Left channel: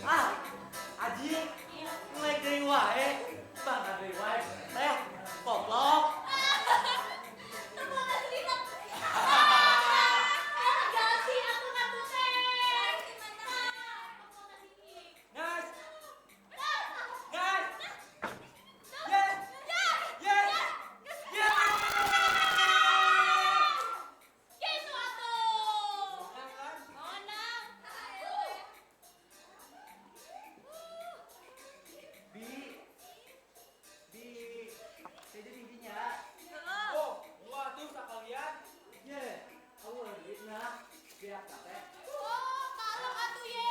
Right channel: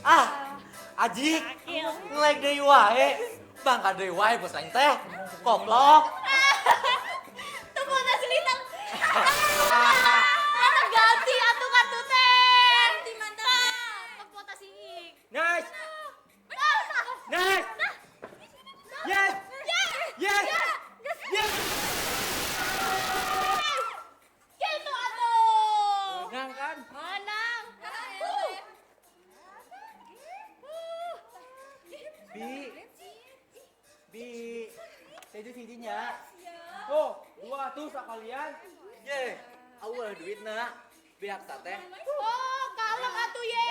Ah, Aji, ngelek deui wae. Bangka deui wae bos aing teh. Koplok. Tepung nasi litak. Mana ganti atuh kartu teh. Di mana? Tepung nasi ik. Nice. Nice. Yes. Yes. Yes. Gitu atuh. Menang kan? Menang. Bi, jadi tidinya. Oh, dua tuh sekalian. Ye, awal duitna. Biak teh. Oh, kalem atuh ye.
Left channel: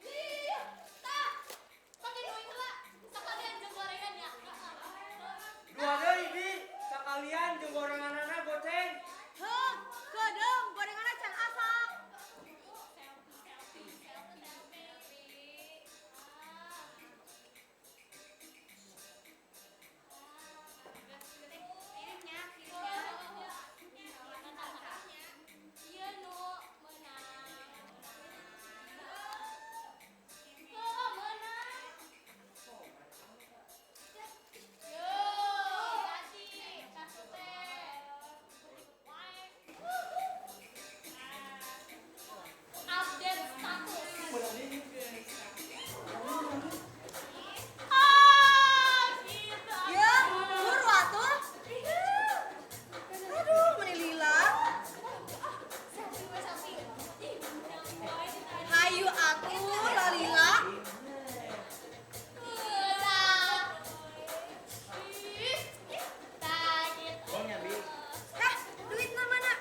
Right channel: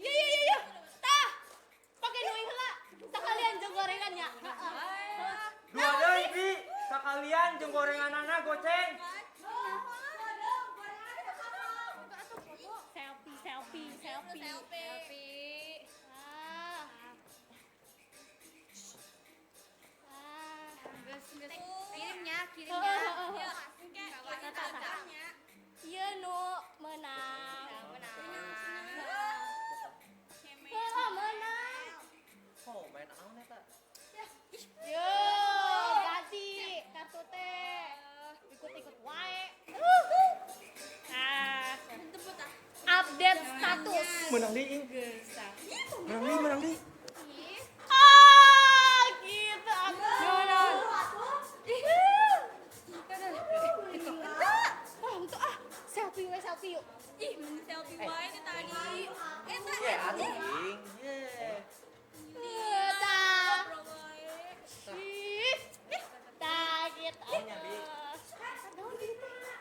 Ye. Tah. Pakai nuing heula. Sekalian jeung gorengannya. Dua deui, Bi. Sekalian jeung gorenganana goceng. Heuh, godong gorenganna can asal. Selfie. Kirimnya. Ieu nu menang. Menang. Oh, main naon eta? Yo, ganti kartu teh. Ikut wae. Update status. Menang deui. Menang deui. Ah, gitu. Ya, buru atuh. Aduh, meni lila. Selfie yuk. Hayu atuh, lalila. Nya, Bi. Duitna mana?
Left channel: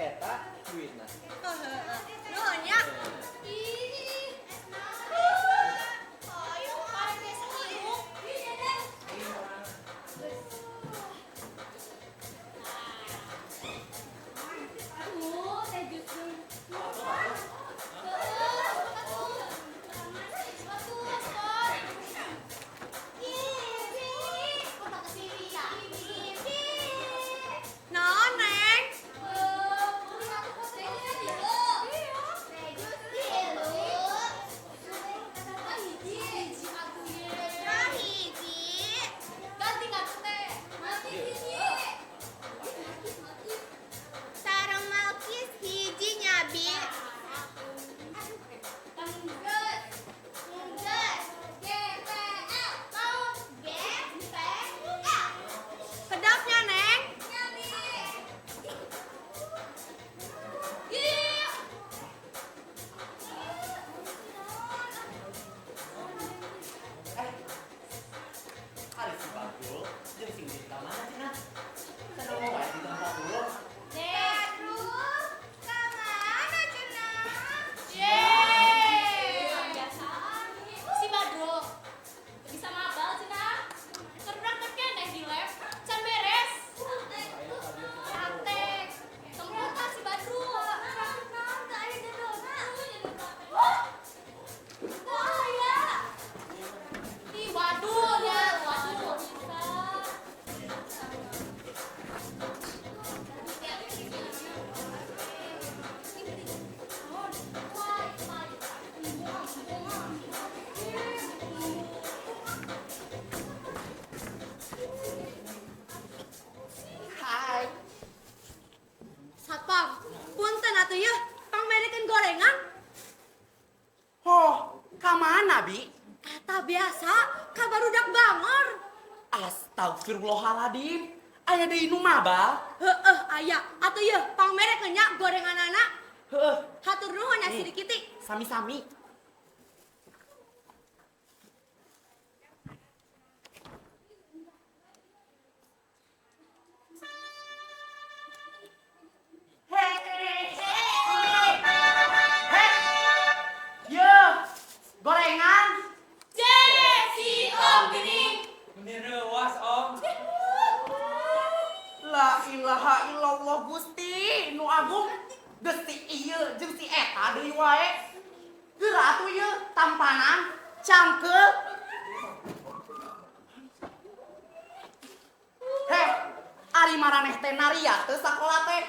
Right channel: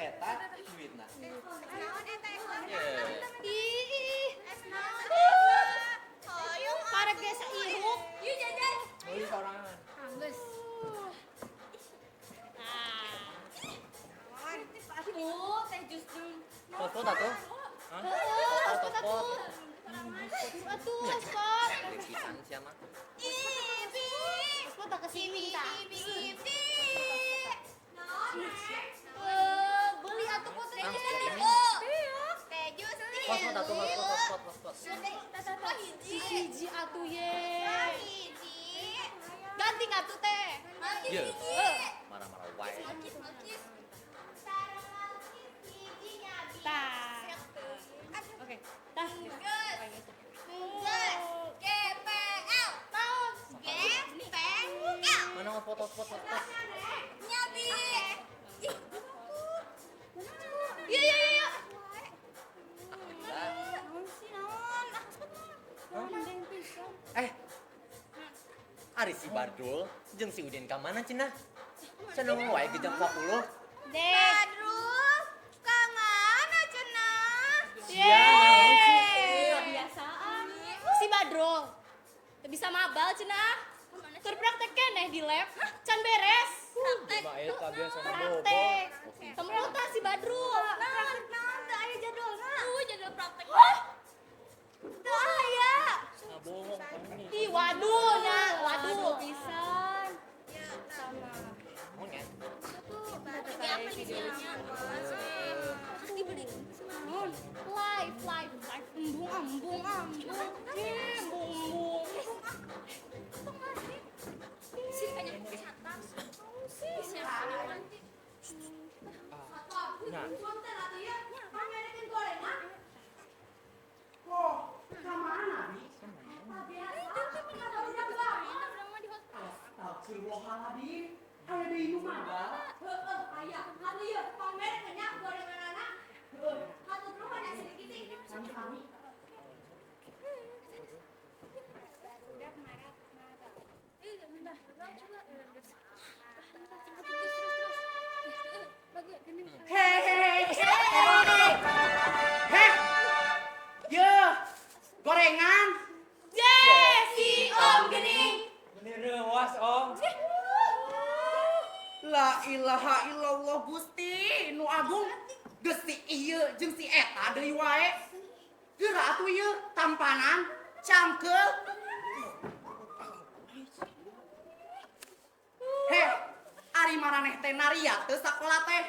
Eta duitna. Nuhun ya. Ayo, karek biasa ibu. Ini sama. Foto tak tuh? Naon, Neng? Ganti kartu teh. Marah-marah wae. Sareng malkis hijinya, Bi. Mana mau foto-foto? Pedasnya, Neng. Iya. Ari si Bandul jeung si Udin ka mana cenah? Cenah wae di jam 10. Badrul, ka mana cenah? Si Badrul bisa mabal cenah. Keur praktek keneh di lab can beres. Praktek. Semua si Badrul. Naon teh aya jadulna? Jadwal praktek. Naon aya? Ih, waduh bisa. Satpam, punten atuh ya, pangmerekeun gorengan. Oh, ka mana, Bi? Eta biasa, ka barudak bangor. Astagfirullahaladzim. Aya deui nu mabal. Heeh, aya. Atuh ya, pangmerekeun nya gorenganana. Heueuh, Hatur nuhun ya sidikiti. sami-sami. Hei. Ye, gorengan. Si Om Gening. Bener was Om. La ilaha illallah Gusti nu agung. Geus si ieu jeung si eta deui wae. Geura atuh ieu tampanan, cangkeup. Heh, ari maraneh teh nariat teh sakola teh.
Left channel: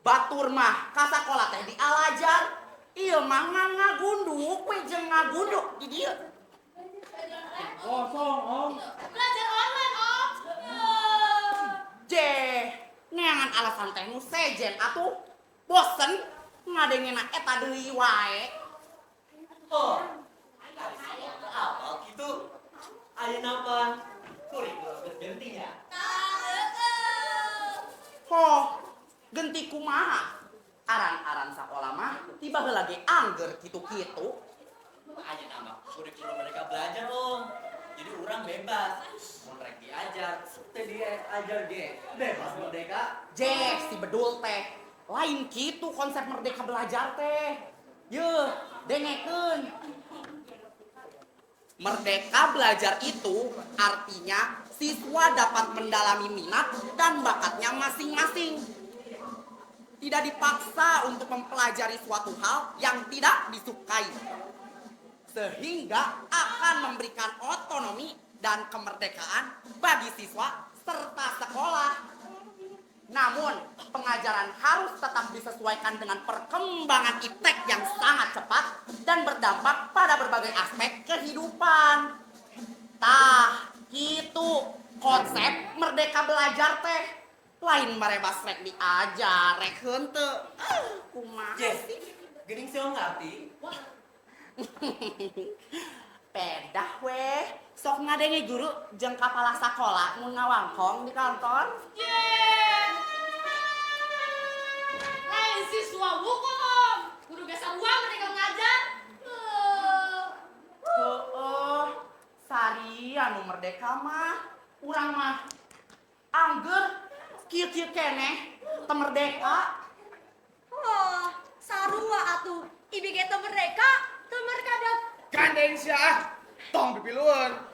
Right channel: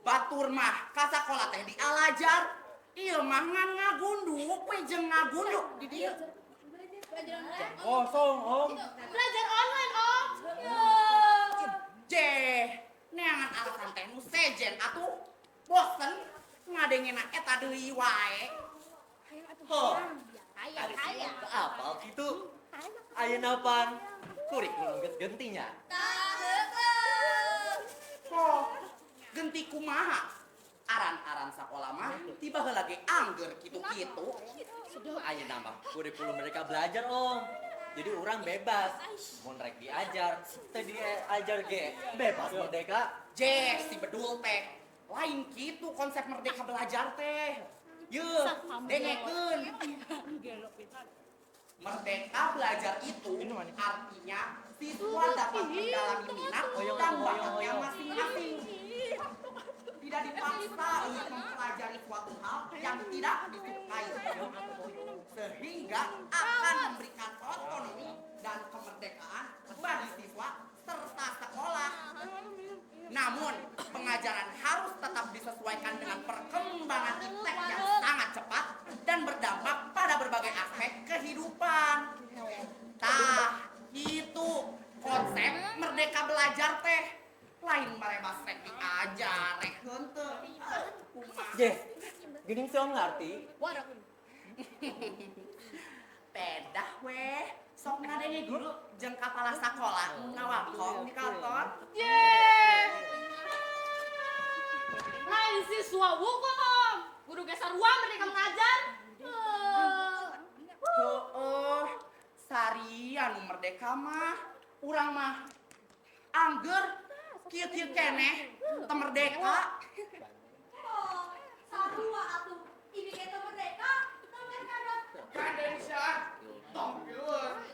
Batur mah ka sakola teh di Al-Azhar. Ieu mah ngagundu kue jeung ngagunduk di dieu. Kosong, Om. Belajar online, Om. Jeh, neangan alasan teh nu sejen atuh. Bosen ngadengena eta deui wae. Oh, Kaya. apa gitu? Aya napan? Kuring geus gentinya. Ho, genti kumaha? Aran-aran sakola mah tiba lagi angger kitu-kitu. Aya nama kurikulum mereka belajar, Om. Jadi orang bebas. Mau rek diajar, teh diajar ge. Bebas merdeka. Jeh, si bedul teh. Lain kitu konsep merdeka belajar teh. Yeuh, dengekeun. Merdeka belajar itu artinya siswa dapat mendalami minat dan bakatnya masing-masing. Tidak dipaksa untuk mempelajari suatu hal yang tidak disukai. Sehingga akan memberikan otonomi dan kemerdekaan bagi siswa serta sekolah. Namun, pengajaran harus tetap disesuaikan dengan perkembangan iptek yang sangat cepat dan berdampak pada berbagai aspek kehidupan. Tah, gitu konsep merdeka belajar teh. Lain marebas rek diajar, rek henteu. Kumaha Jeh, sih? geuning si Om ngarti. Pedah weh. Sok ngadenge guru jeung kapala sakola mun ngawangkong di kantor. Lain siswa buku, Om. Guru geser uang ketika mengajar. Oh, sari anu merdeka mah. Urang mah angger kieu-kieu keneh teu merdeka. Oh, sarua atuh. IBG teu merdeka, teu merdeka. Gandeng sia. Tong pipilueun.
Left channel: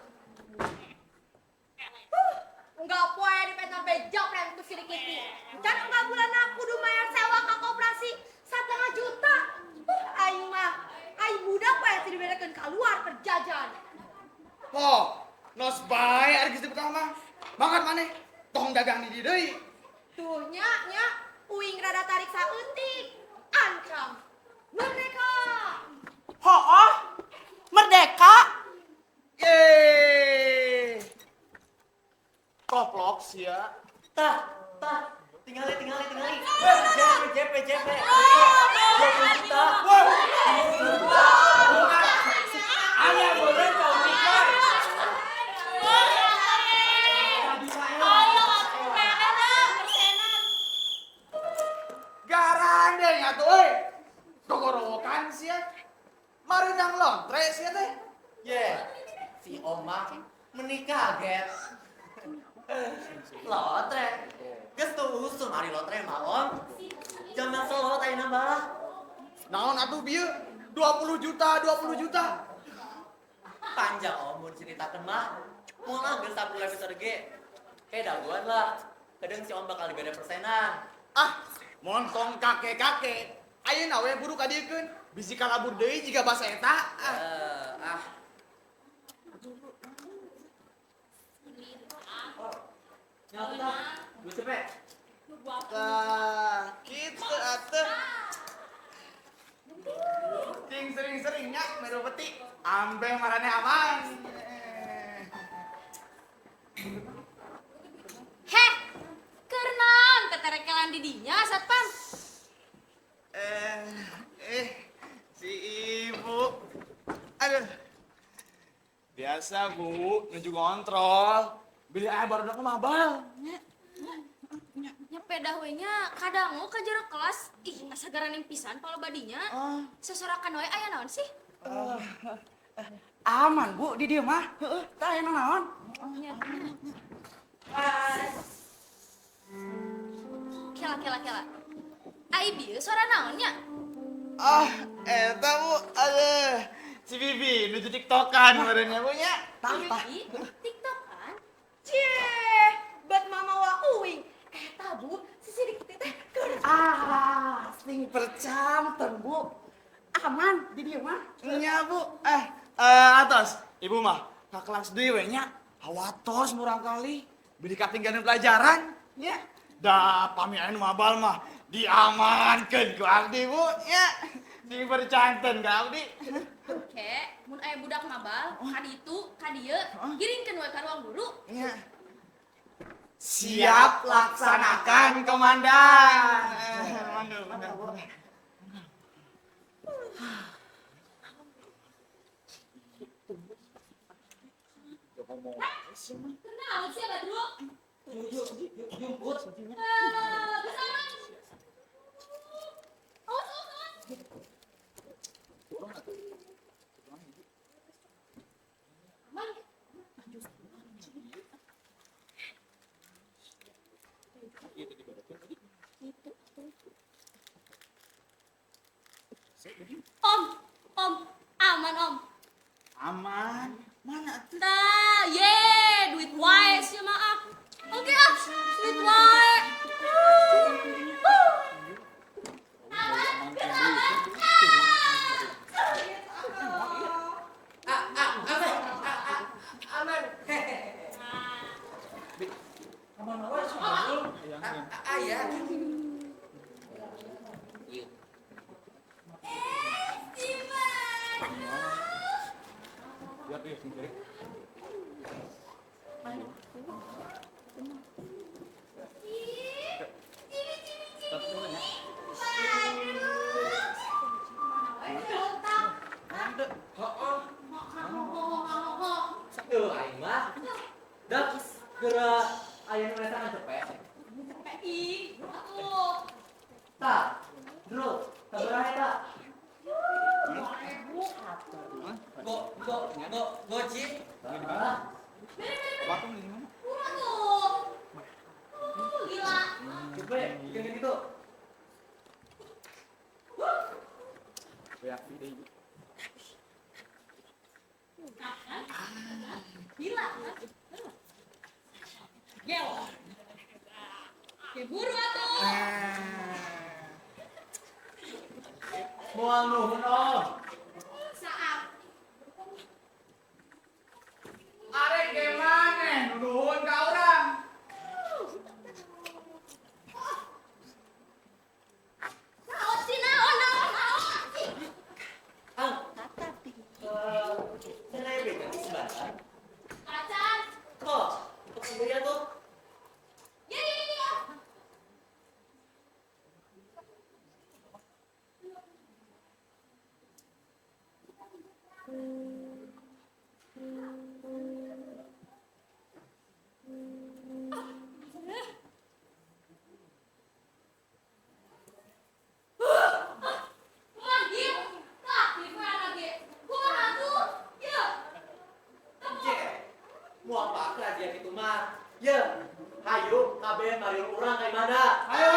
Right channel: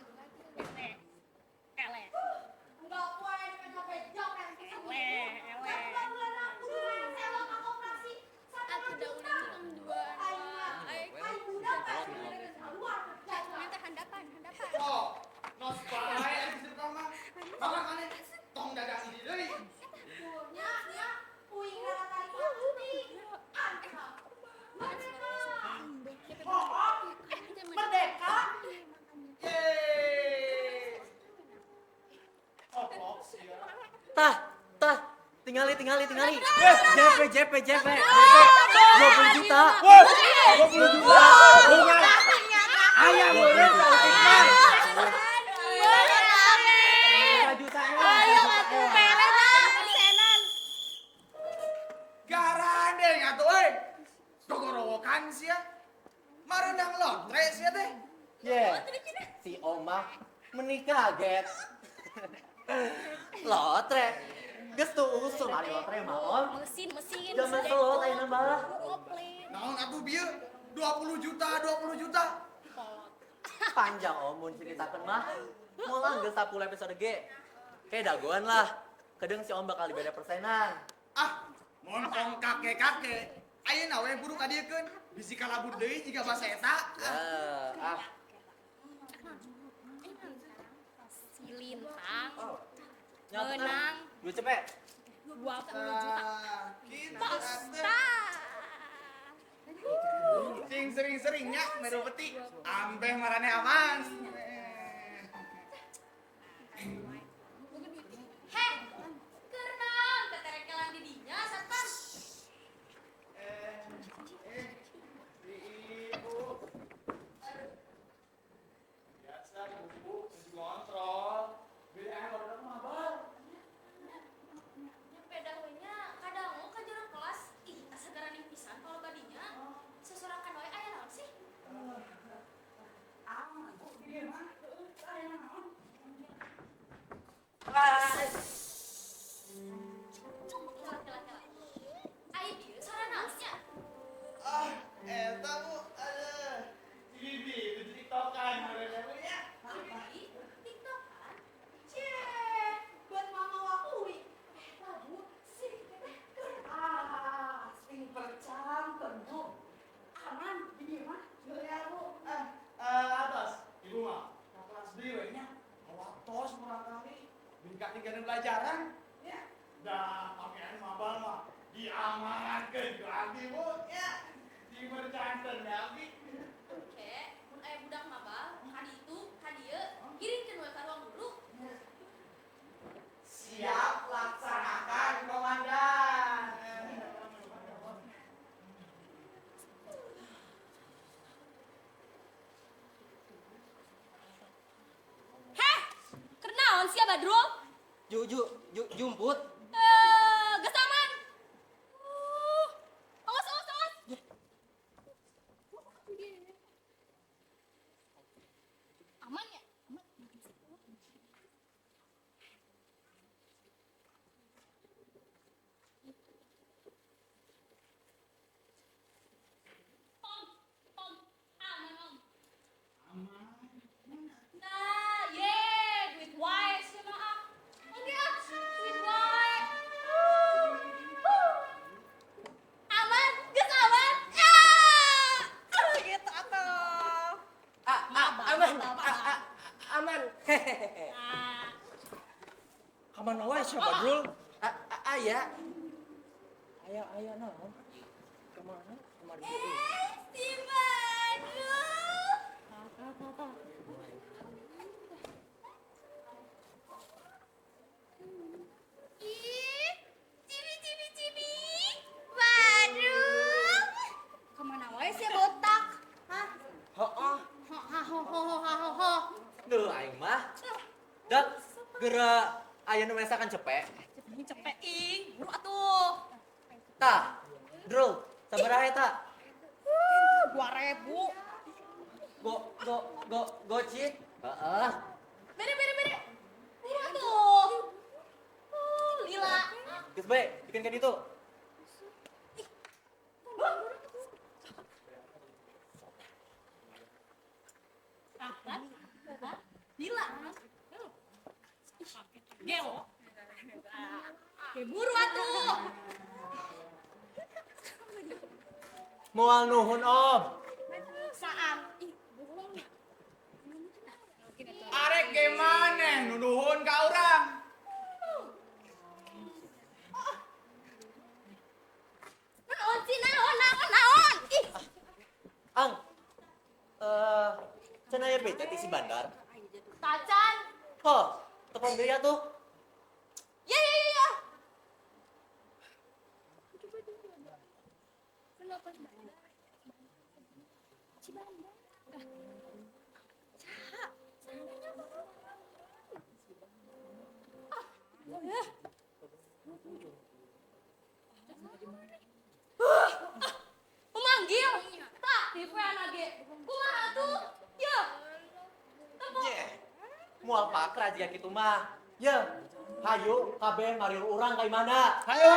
Enggak poe di petor bejok yang ku sini ngisi. Dan enggak bulan aku kudu bayar sewa ke koperasi 1,5 juta. Aing mah, aing budak poe sih diberekeun keluar perjajan. Oh, nos bae ari geus pertama. Makan maneh. Tong dagang di dieu deui. Tuh nya, uing rada tarik saeutik. Ancam. Merdeka. Hooh, merdeka. Yeay. Koplok sia. Tah, tinggali. JP. 20 juta. 20 juta. Aya merdeka. Garandeng atuh euy. Tokorowokan sia. Marundang lontre sia teh. Ye, si Oma menikah, get. Lotre. Geus tuh usul mari lotre mah, Om. Mesin. Jangan selot aya nambah. Naon atuh bieu? 20 juta. Panjang Om mun ceritakeun mah. Moal geus 10 episode ge. Dagoan lah. Kadang si Om bakal dibere persenan. Ah, montong kakek. Ayeuna we buru kadiekeun. Bisi kalabur deui jiga basa eta. Silintang. Gue cepet. Kitu atuh. Cing sering-seringnya menu peti. Ampe marane aman. Heh, keurnaon keterekelan di dinya, Satpam? Si ibu. Aduh. Biasa, Bu, nuju ngontrol. Beli ayah baru ke mabal. Nyepeda we nya kadang ka jarak kelas. Ih, asa garaneun pisan palo badinya. Sesorakan we aya naon sih? Aman, Bu, di dieu mah. Heeh, tah aya naon? Kela. Ai bieu suara naonnya? Eta, Bu. Aduh. Si Bibi nuju tiktokan merenya, Bu, nya. Tah. TikTok kan? Cie, bat mama wa uing. Eta bu, si sidik teh keur. Sing percanten, Bu. Aman di dieu mah. Nya, Bu. Atos. Ibu mah ka kelas deui we nya. Awatos murang kali. Beli katinggalan pelajaran, nya. Da pami anu mabal mah diamankeun ku abdi, Bu, nya. Si bercanten kau di. Oke, mun aya budak ngabal, kadi itu, kadieu, giringkeun we ka ruang guru. Iya. Siap laksanakan komandan. Mandul. Heh, kenaon sia Badrul? Jumput. Gesangan. Awas. Aman ya? Om, aman om. Aman. Mana tuh? Nah, duit wae sih maaf. Oke duit wae. Aman, geus aman. Gitu atuh. Aman. Aman wae sih Badrul. Aya. Si Badrul. Kemana we sih botak? Duh, aing mah. Dak geura aya nu mesakan cepet. Ini cepet ing, atuh. Ta, Drul, sabaraha eta? 2000. Gocip. Heeh. Bere. Batung di mana? Aduh. Gila. Geus bae, bikin kan itu. Kan? Gila. Gel. Ya buru atuh. Moal nuhun om. Saat. Arek gimana? Nuhun ka urang. Naon sih naon. Ih. Ang. Cenah bete di Sebantan. Tacan. Kok, tekan deui tuh. Ya. Memanggil. Tak, telepon lagi. Kumaha tuh? Ya. Je. Moal pakra dia kitu mah. Ye. Hayu, kabeh marieur urang ka mana? Ayo.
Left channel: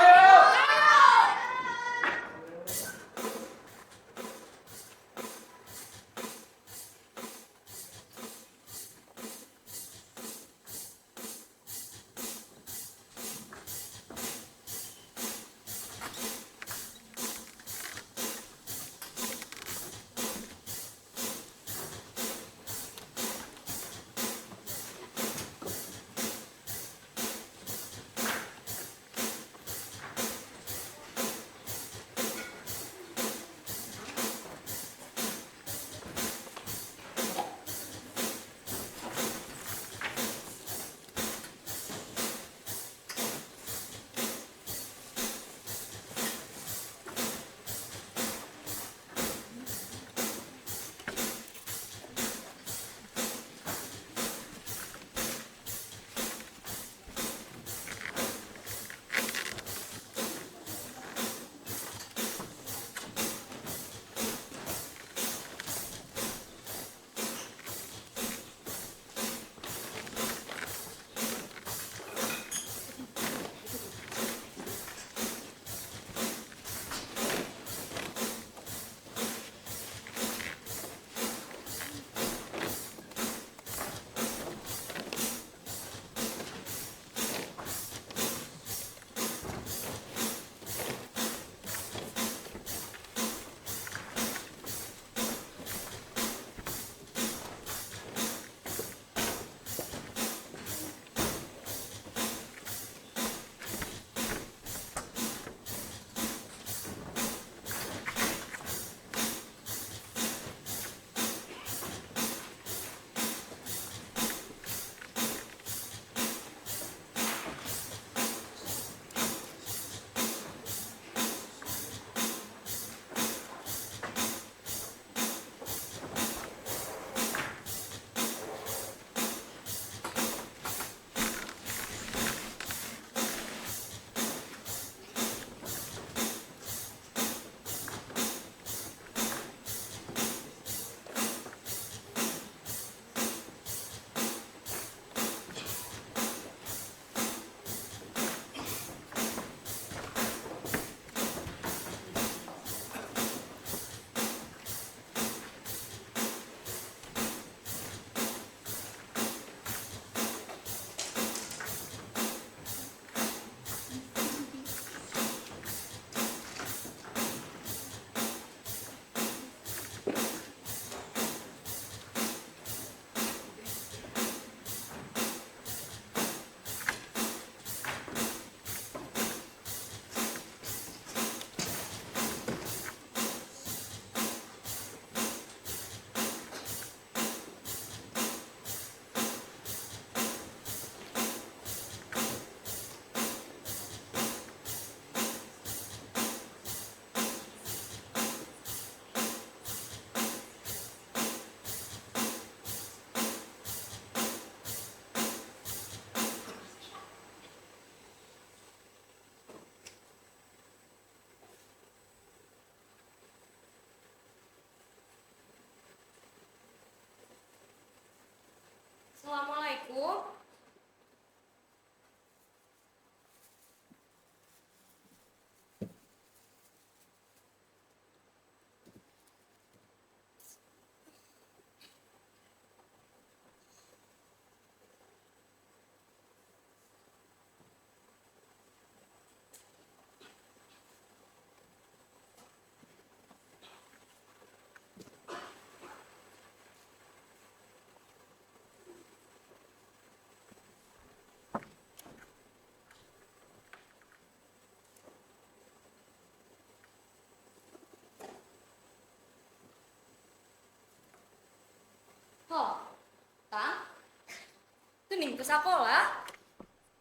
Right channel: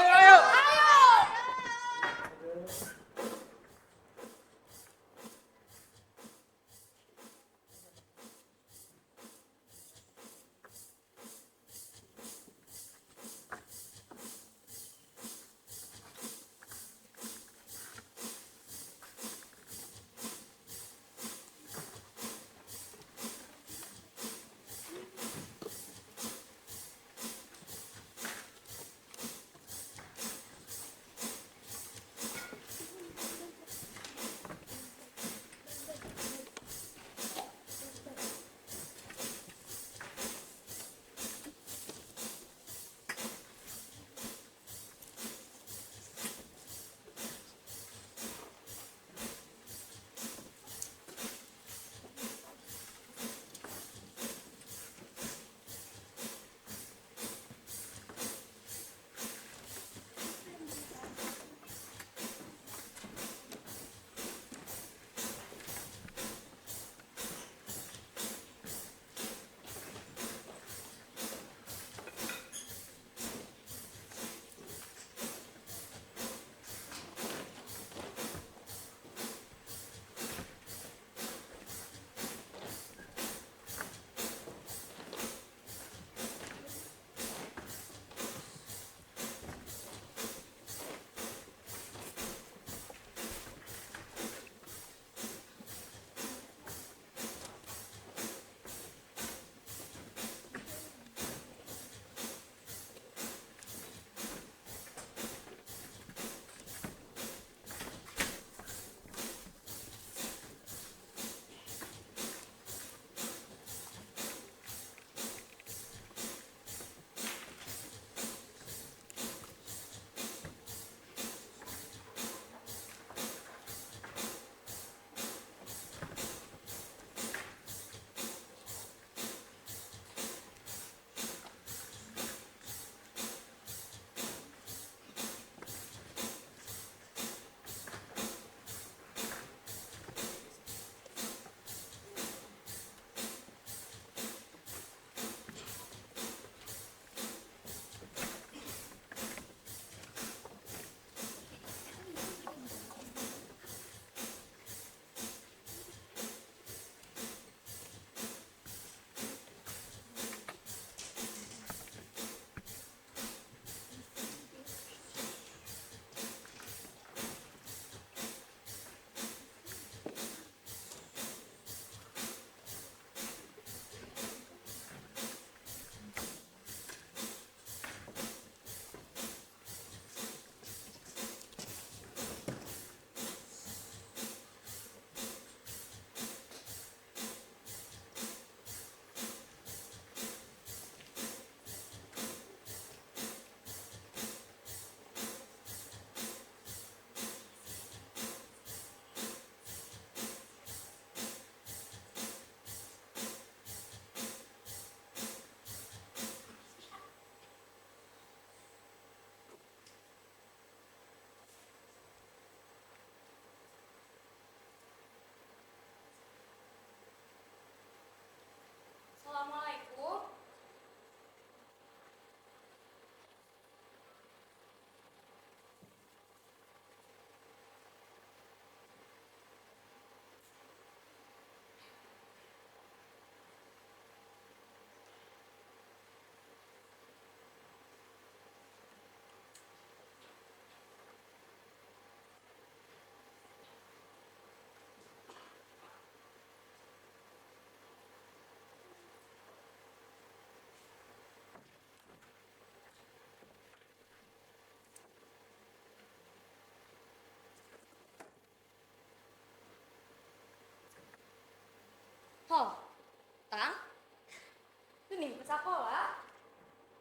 sekolah?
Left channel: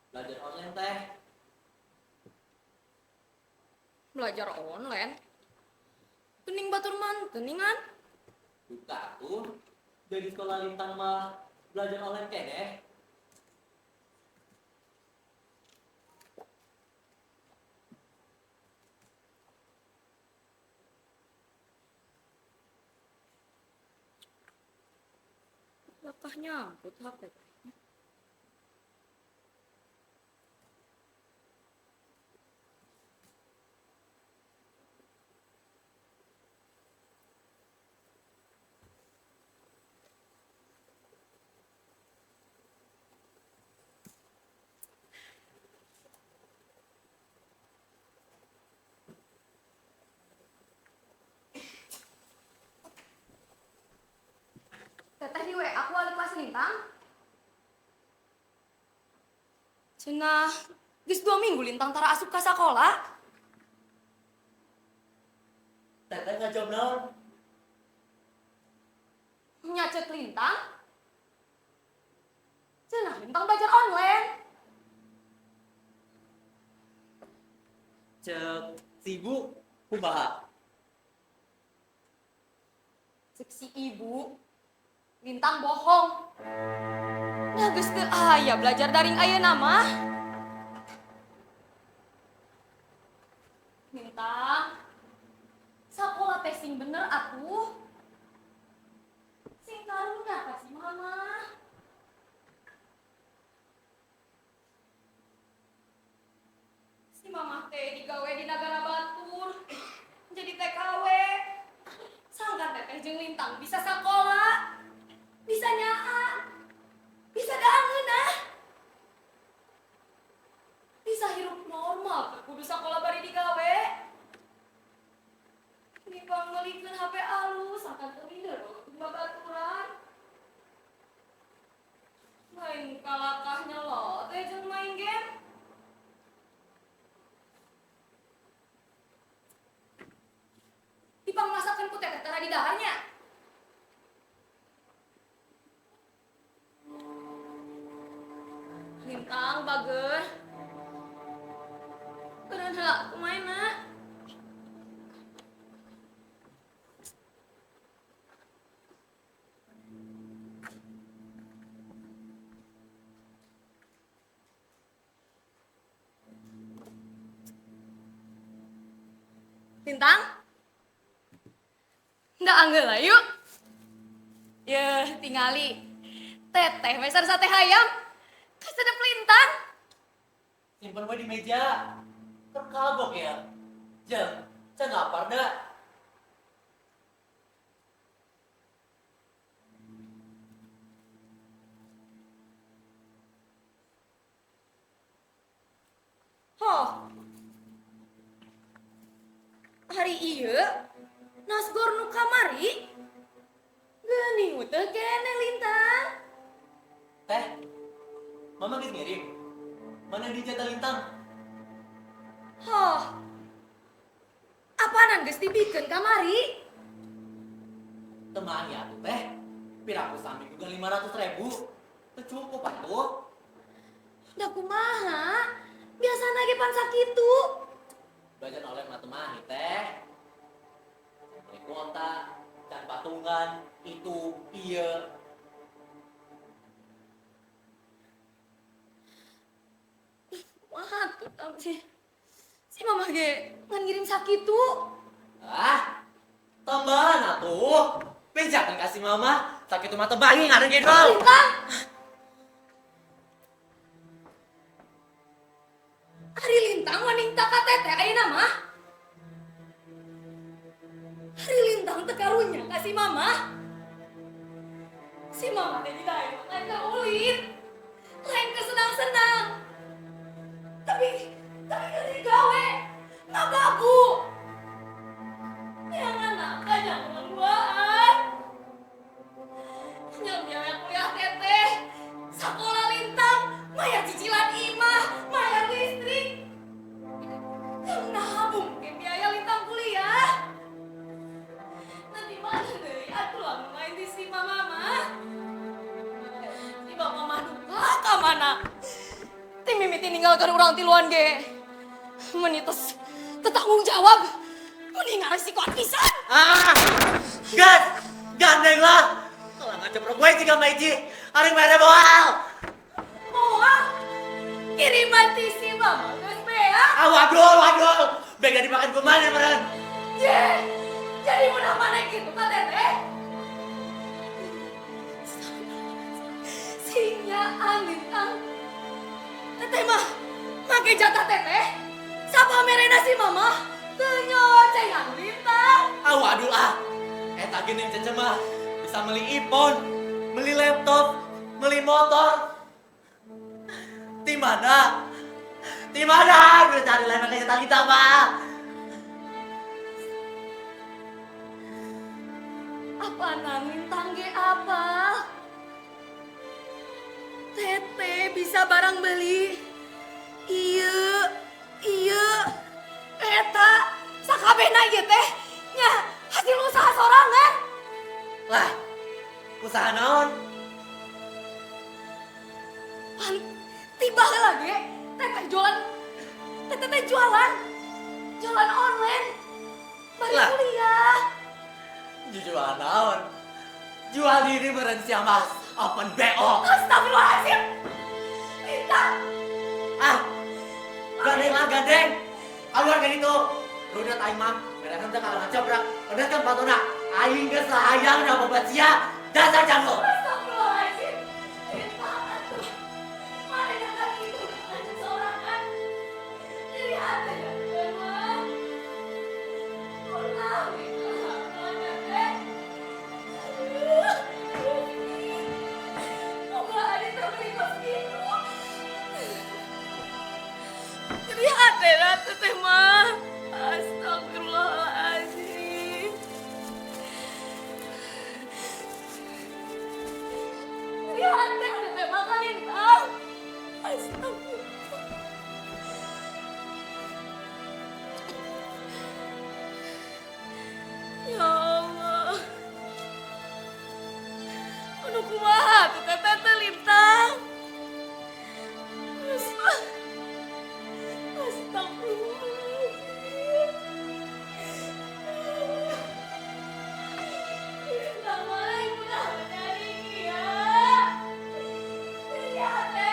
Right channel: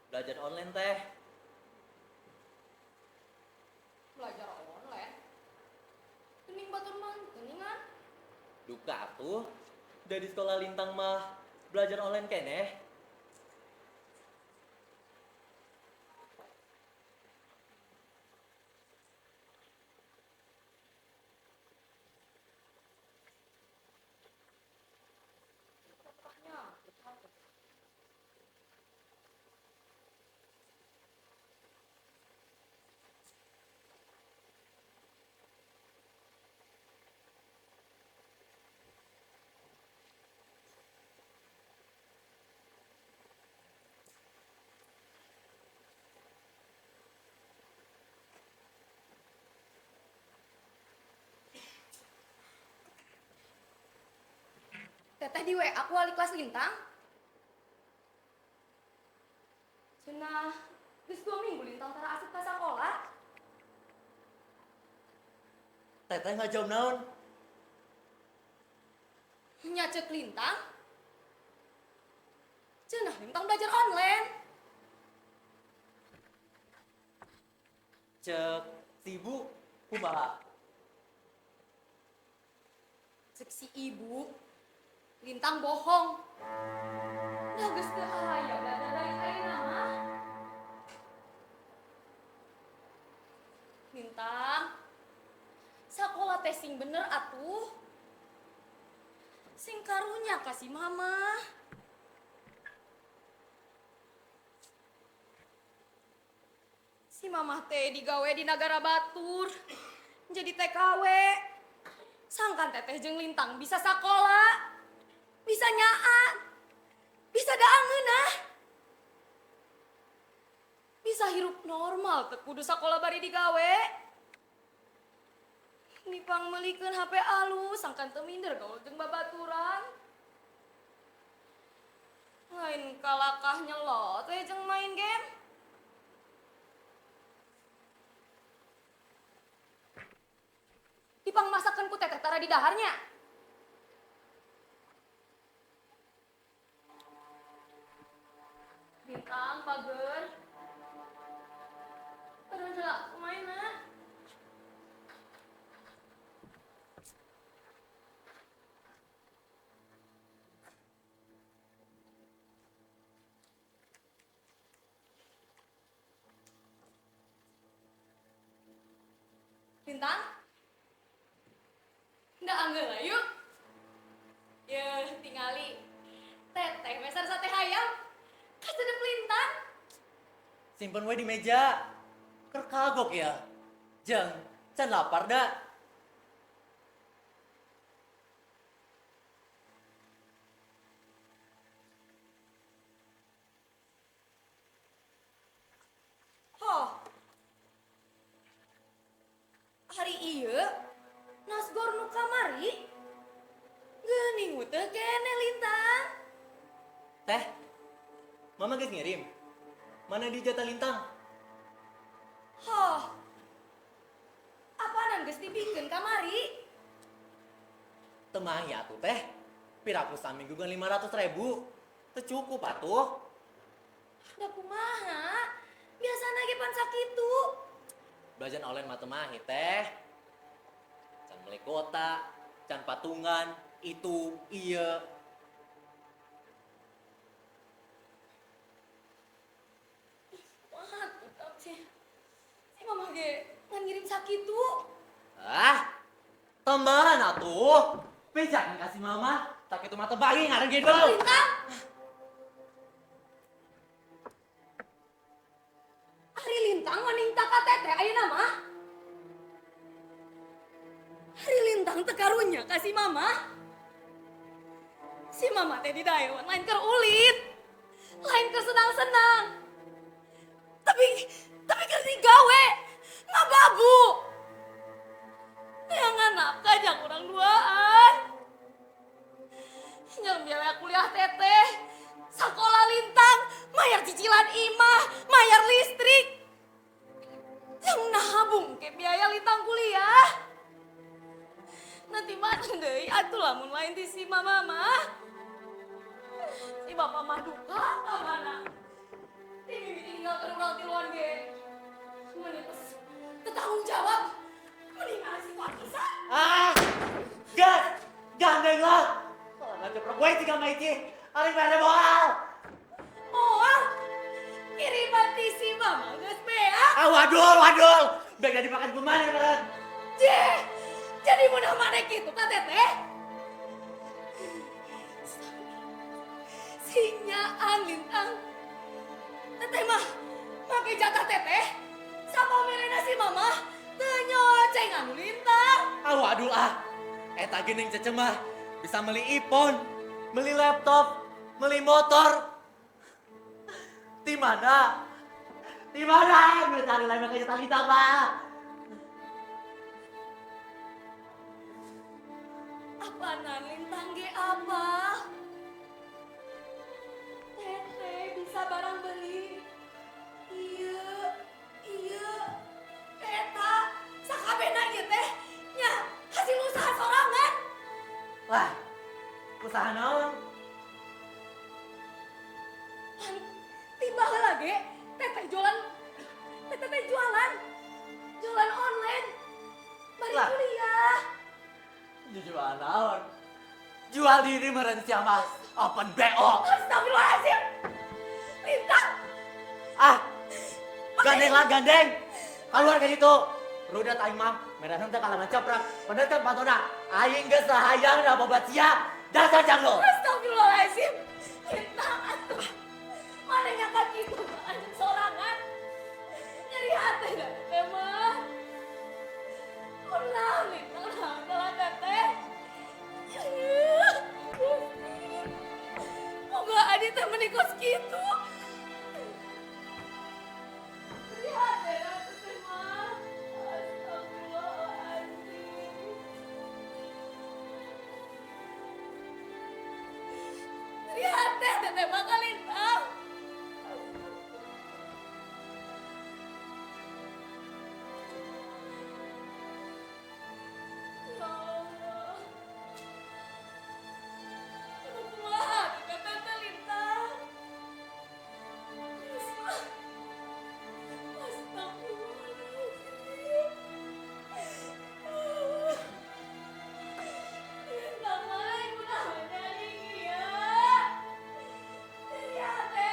Belajar online teh. Belajar online? Kening batur manteningan? Duka tuh. Dari sekolah Lintang mah belajar online keneh. Apakah nyambut HP? Teteh di WA aku wali kelas Lintang. Cenah, geus 2 minggu Lintang tara asup ka sakola. Teteh ngajawab naon? Nyacet Lintang. Cenah Lintang belajar online. Cek sibuk kumaha? Cek si ibu, Lintang bohong. Nah geus teu aya belajar daring ayeuna mah. Lintang, sakola teh sing bener atuh. Sing karunya kasih mama. Si mamah teh digawe di Nagara Batur. Jadi TKW. Sangkan teteh jeung Lintang bisa sakola. Bisa nyaa. Bisa daangeunah. Bisa hirup normal teu kudu sakola bari digawe. Nipang meulikeun HP alus sangkan teu minder gaul jeung babaturan. Lain kalakahnya lo teh jeung main game. Dipang masakan ku teteh tara di daharnya. Lintang bager. Beneran heula kumaha? Lintang? Nggak anggeula yuk. Yeuh, tingali. Teteh meser sate hayam. Kasedep Lintang. Simpen we di meja. Keur kagok ya. Jeng, can lapar dah. Hoh. Hari ieu nasgor nu kamari. Geuning teu kene Lintang. Teh, mama geus ngirim. Mana di jatah Lintang? Hoh. Apaanan geus dipikeun kamari? Temang ya tuh teh. Piraku saminggu kan 500.000. Teu cukup atuh. Da kumaha? Biasana ge pan sakitu. Belajar online mah teu mah teh. Can beli kuota, can patungan, itu, iya. Wah, tuh si mama ge ngan ngirim sakitu. Ah, tambahan atuh. Bejakan kasih mama. Sakit mah teu bayi ngareng ge dol. Lintang. Hari Lintang waning taka teteh ayeuna mah. Hari Lintang teu karunya kasih mama. Si mama teh di daewan lain keur ulit. Lain keur senang-senang. Tapi keur digawe ngababu. Yang anak kajang urang duaan. Yang biaya kuliah teteh, sakola Lintang, bayar cicilan imah, bayar listrik. Yang nabung ke biaya Lintang kuliah. Nanti mana deui atuh lamun lain di si mama mah. Si mama mah duka ka mana mimiti ninggalkan orang tiluan ge. Menitus tetanggung jawab. Mendingan resiko pisan. Gas, gandeng lah. Kalau nggak ceprok gue juga Maiji, hari mere boal. Oh, kiriman tisi mah, terus bea. Waduh, beg gak dimakan kuman ya meren. Jadi mau mana gitu kan teteh? Sinya angin teteh mah, make jatah teteh. Sapa merena si mama, tenyocengan lintang. Waduh eta gening cecemah bisa beli iPhone, beli laptop, beli motor. Di mana gue cari lain makanya Talita mah. Apa nangin tangge abah? Teteh bisa barang beli. Iya. Eta sakabena ieu teh nya hasil usaha sorangan. Lah, usaha naon? Pan tiba lagi teteh jualan online. Bari Lah. kuliah. Jual naon? Jual diri meren siapa? Open BO. Astagfirullahaladzim. Bintang. Gandeng. Keluar dari itu. Lu udah tahu mah, mereka henteu kalau ngacaprak. Bener kan patuna? Aing geus hayang da bobat sia. Dasar janggo. Astagfirullahaladzim. Bintang atuh. Mana dapat itu? Ada sorangan. Jadi hati emang. Ulah kalau teteh. Moga Adi teh menikos gitu. Jadi hati ratu teh mah. Astagfirullahaladzim. Jadi hati teh mah kalintang. Astagfirullah. Ya Allah. Aduh kumaha tuh teteh lintang. Astagfirullahaladzim. Lintang mana ibu dah jadi kia. Jadi hati.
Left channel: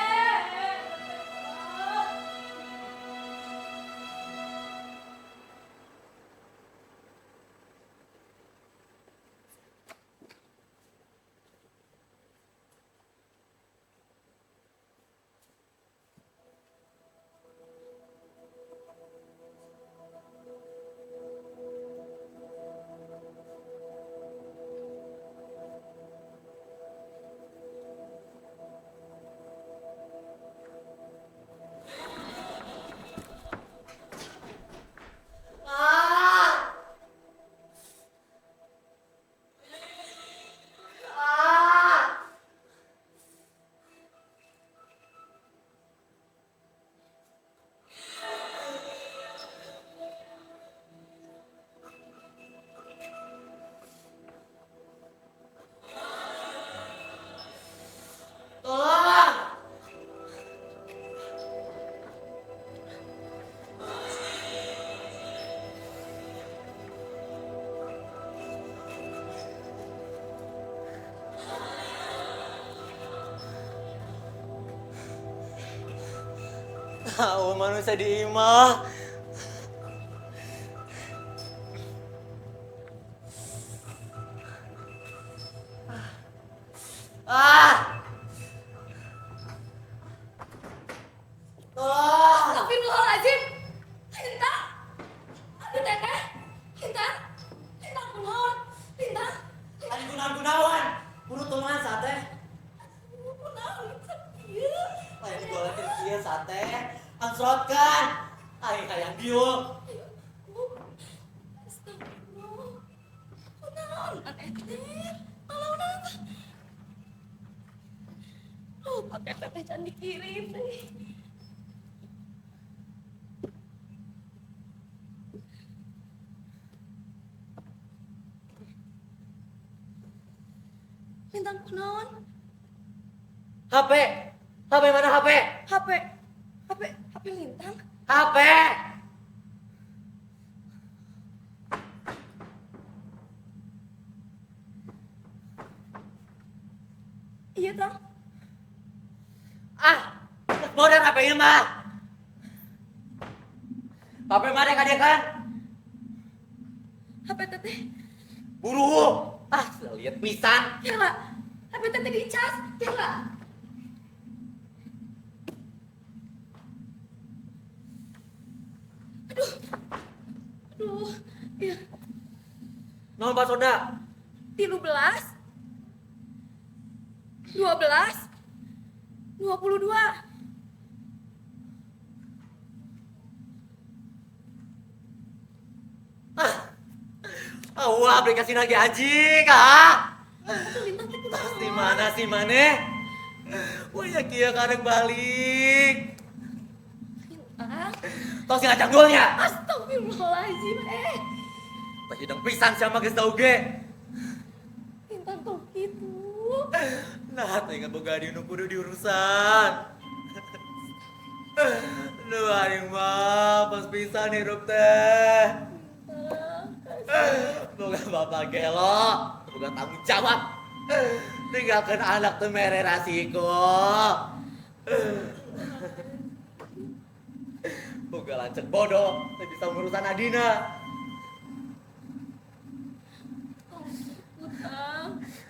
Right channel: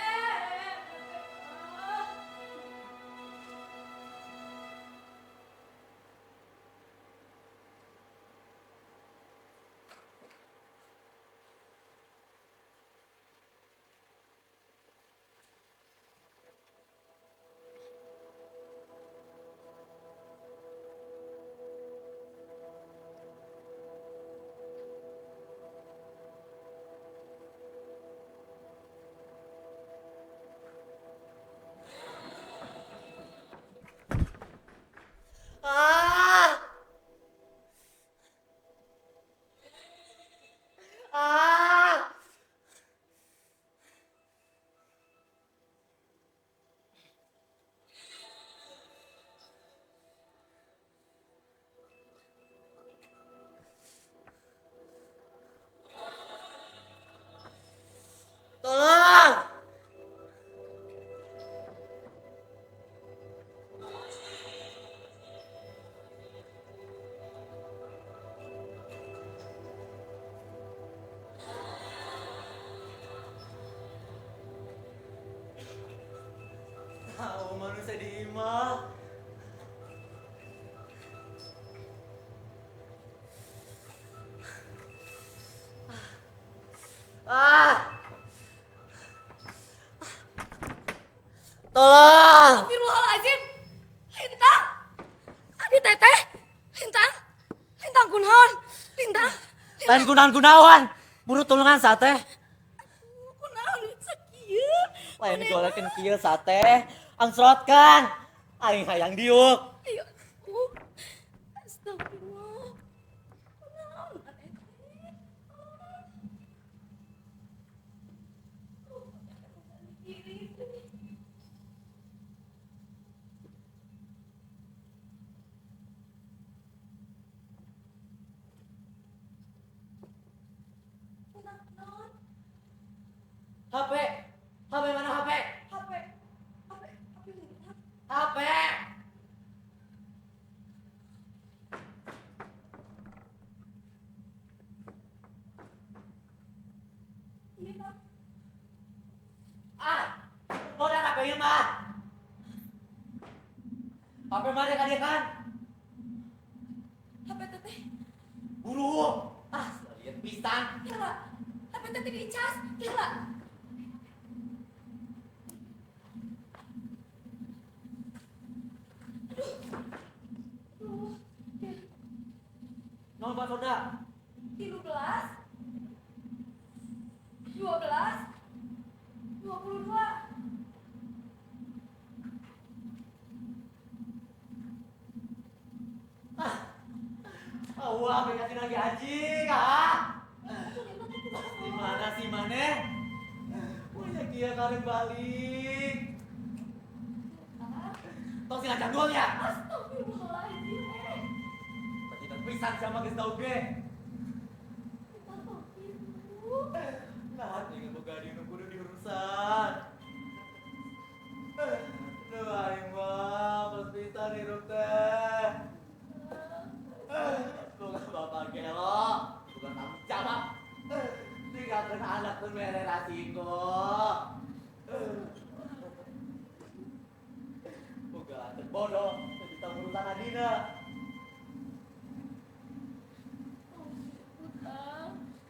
Tolong. Tahu manusia di imah. Tolong. Astagfirullahaladzim. Lintang. Adi teteh. Lintang kunaon. Lintang. Lain gunawan. Buru tulungan sate. Kunaon sakieu. Lain digolekin kieu sate. Angsrotkan. Aing hayang diuk. Ayo. Astagfirullah. Kunaon teteh. Alaunan. Oh, pakai teteh can dikirim deh. Lintang kunaon? HP mana HP? HP HP Lintang. HP. Iya, Tang. Ah, modern HP-nya mah. HP mana kan kan? HP teteh. Buru. Ah, lihat pisan. Ya lah. HP teteh dicas. Ya lah. Aduh. Aduh. Iya. Nol Pak Sonda. 13 12 22. Wah, aplikasi lagi anjing, ah. Aduh, Lintang teh kudu Di mana sih maneh? Wah, ya kia karek balik. Lintang. Tos ngajak dulnya. Astagfirullahaladzim. Tak hidung pisan sama geus tau ge. Lintang tuh gitu. Nah, tinggal boga di nu kudu diurusan. Duh, aing mah pas pisan hirup teh. Boga bapak gelo, boga tanggung jawab. Tinggalkan anak teu mere rasiko. Boga lancet bodoh, teu bisa ngurusan adina.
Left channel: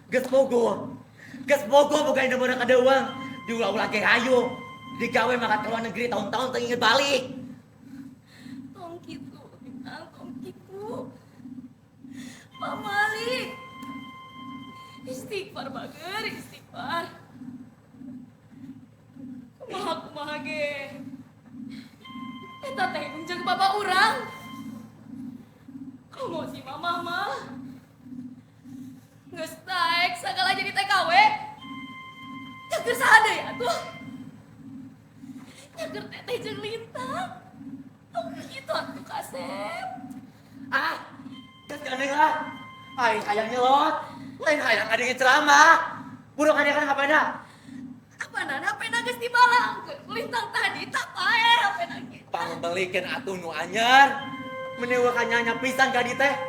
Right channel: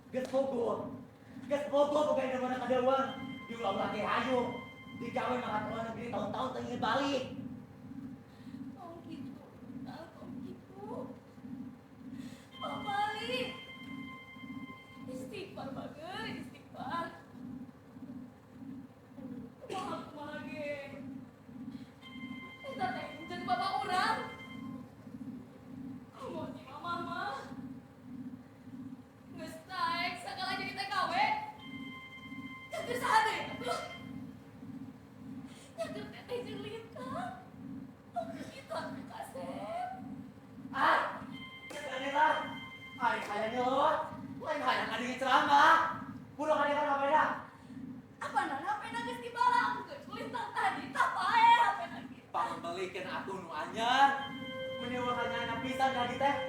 Geus bogo boga indah beuna kada uang. Diulah-ulah ge hayu. Digawe maka ke luar negeri tahun-tahun teu inget balik. Tong gitu, Lintang, tong gitu. Pak Malik. Istighfar bager, istighfar. Kumaha ge. Eta teh jeung bapak urang. Komo si mama mah. Geus taek sagala jadi TKW. Cager saha deui atuh? Cager teteh jeung Lintang. Oh gitu atuh Kasep. Ah, geus aneh lah. Aing hayang nyelot. Lain hayang adenge ceramah. Burung adenge ngapana? Apana hapena geus dibalang. Lintang tadi tapae hapena ge. Pangembelikeun atuh nu anyar. Menewa kanyanya pisan ka di teh.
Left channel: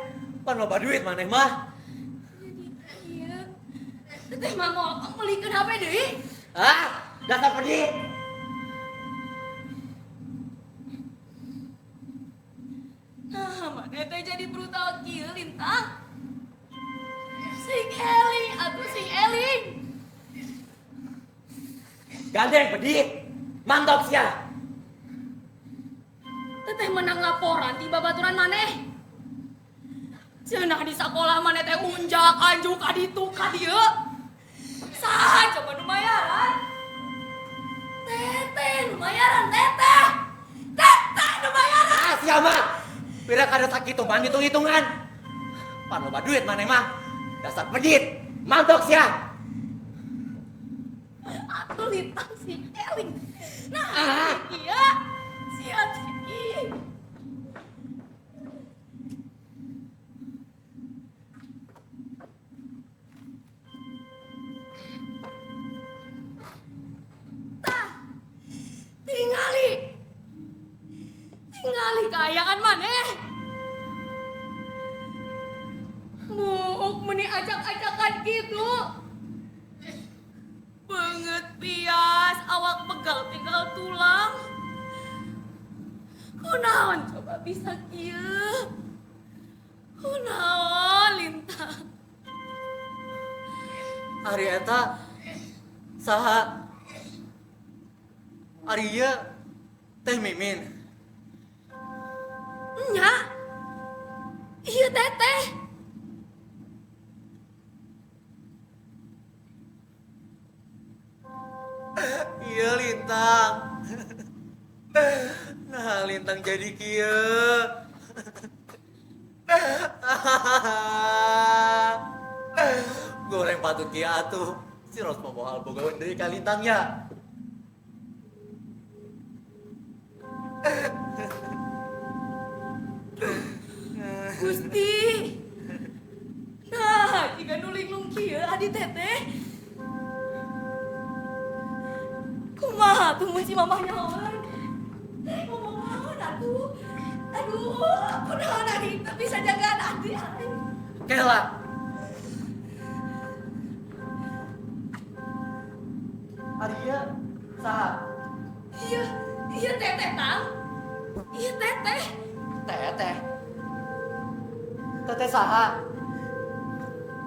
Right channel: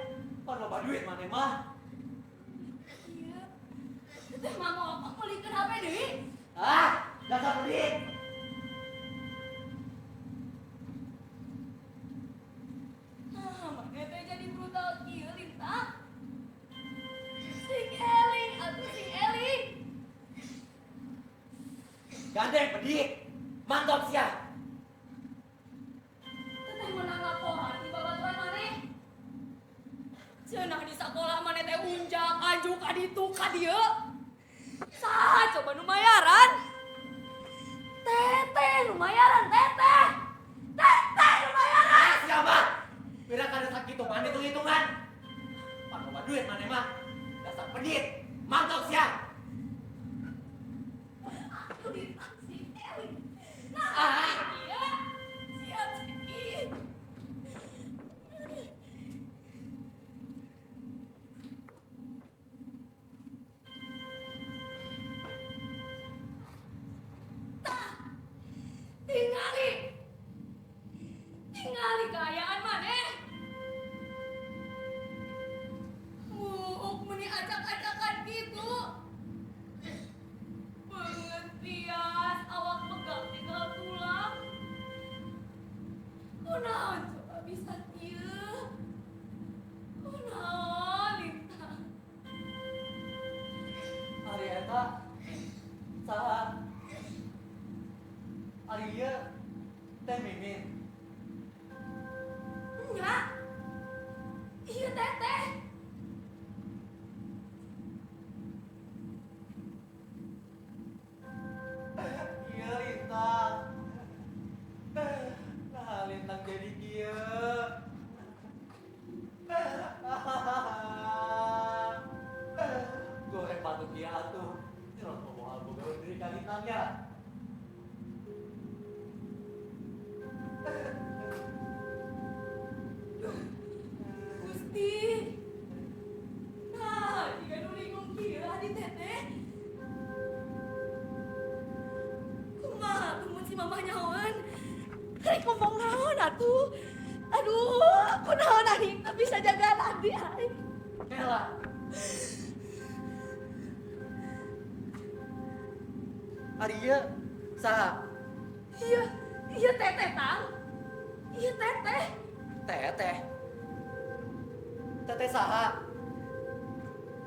Pan loba duit maneh mah. Iya. Teteh mah mau melikeun HP deui. Ah, dasar pedih. Nah, mana teh jadi brutal kieu Lintang. Sing eling atuh sing eling. Gandeng pedih. Mantap sia. Teteh menang laporan di babaturan maneh. Cenah di sekolah maneh teh unjak anjuk ka ditu ka dieu. Saha coba nu mayaran? Teteh nu mayaran teteh. Teteh nu mayaran. Ah, sia mah. Pira kada sakitu man hitung-hitungan. Pan loba duit maneh mah. Dasar pedit. Mantap sia. Atuh Lintang si eling. Nah, Ah. iya. Siap sih. Tingali kayaan maneh. Muuk meni acak-acakan gitu. Banget pias, awak pegal tinggal tulang. Kunaon coba bisa kieu? Kunaon Lintang? Ari eta saha? Ari ieu Teh Mimin. Nya. Iya teteh. Iya Lintang. Nah, Lintang jadi kieu. Goreng patut kieu atuh. Si Ros pomohal bogaweun deui ka Lintangnya. Gusti. Nah, jika nulinglung kieu adi teteh. Kumaha tuh mun si mamah nyawan? Rek ngomong naon atuh. Aduh, kunaon ari teu bisa jagaan Adi ai. Kela. Aria, saha? Iya, iya teteh Tang. Iya teteh. Teteh. Teteh saha?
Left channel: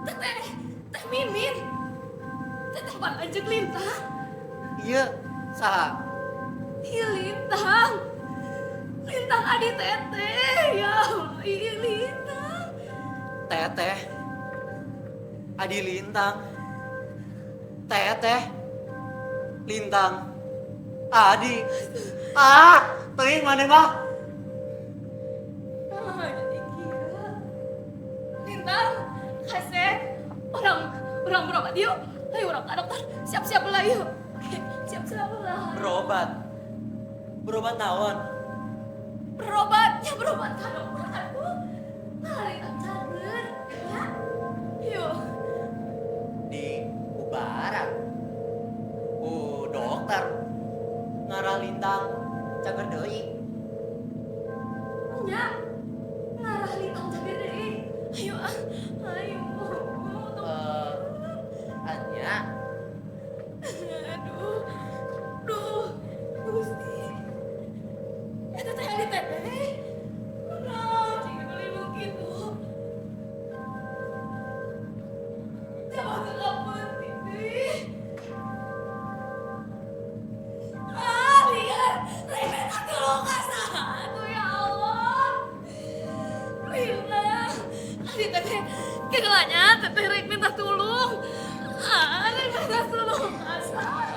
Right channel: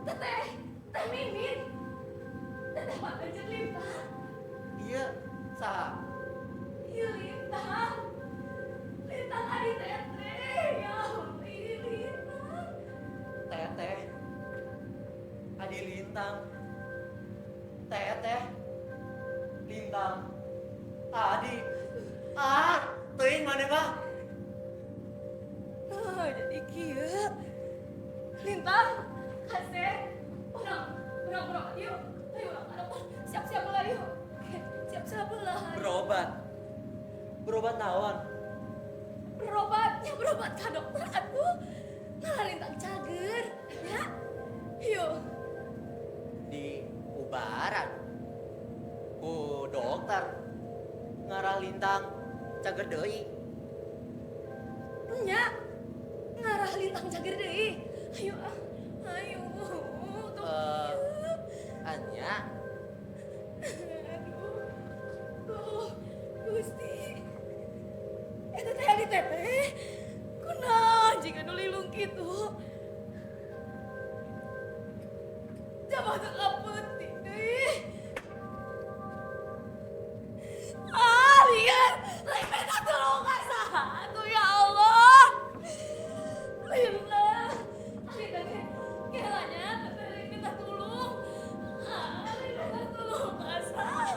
Teteh, teh Mimin. Teteh Pananjung Lintang. Iya, saha? Iya Lintang. Lintang Adi teteh. Ya Allah, iya Lintang. Teteh. Adi Lintang. Teteh. Lintang. Adi. Teuing mana mah? Ah, jadi kieu. Lintang, kasih. Orang berobat yuk. Ayo orang ke dokter. Siap-siap lah yuk. Oke, siap-siap lah. Berobat. Berobat naon? Berobat ka dokter atuh. Nah, Lintang cager. Ya. Yuk. Di Ubaran. Dokter. Ngarah Lintang cager deui. Nya. Ngarah Lintang cager deui. Ayo ah. Ayo. Anya. Duh, Gusti. Eta teh ali teteh. Kunaon jika nu lilung kitu? Jabah teu kapenting deui. Lihat, lain beta tolong ka saha atuh ya Allah. Lila, ali teteh kegelanya teteh rek minta tulung. Rek minta tulung ka saha.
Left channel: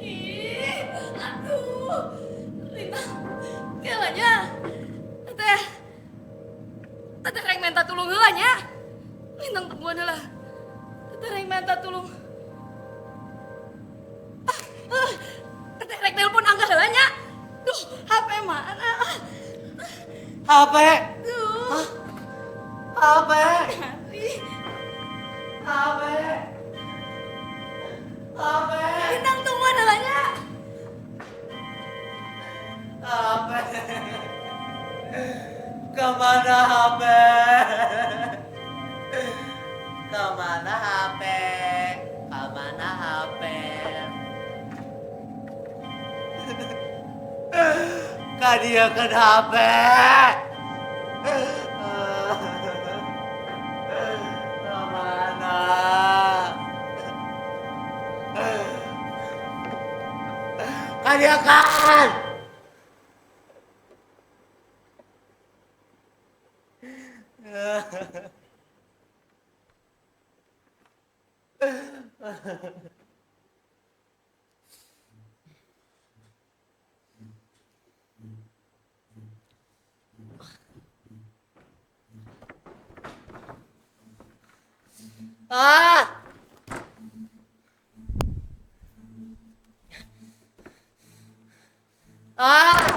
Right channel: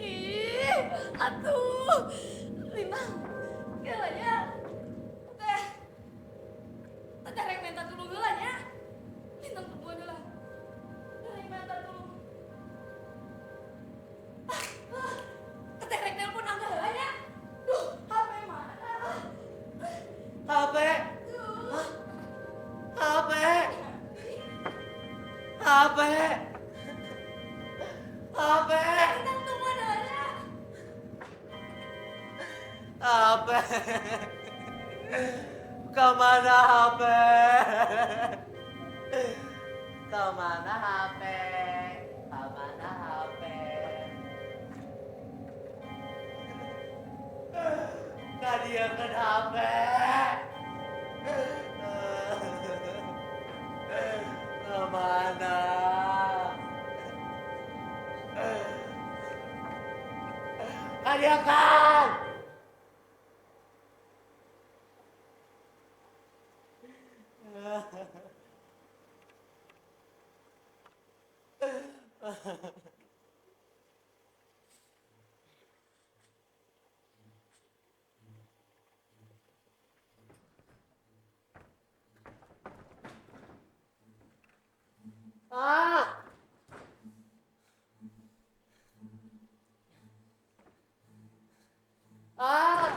Ih, atuh. Lila, kegelanya teteh rek minta tulung heula nya. Lintang tungguan heula. Teteh rek minta tulung. Teteh rek telepon angga heula nya. Duh, HP mana? HP. Duh. HP. Ih, HP. HP. Lintang tungguan heula nya. HP. Kemana HP? Kemana HP? Kemana HP? Kak dia kan HP. Kemana? Kak dia kan. Ah! Ah! Ah!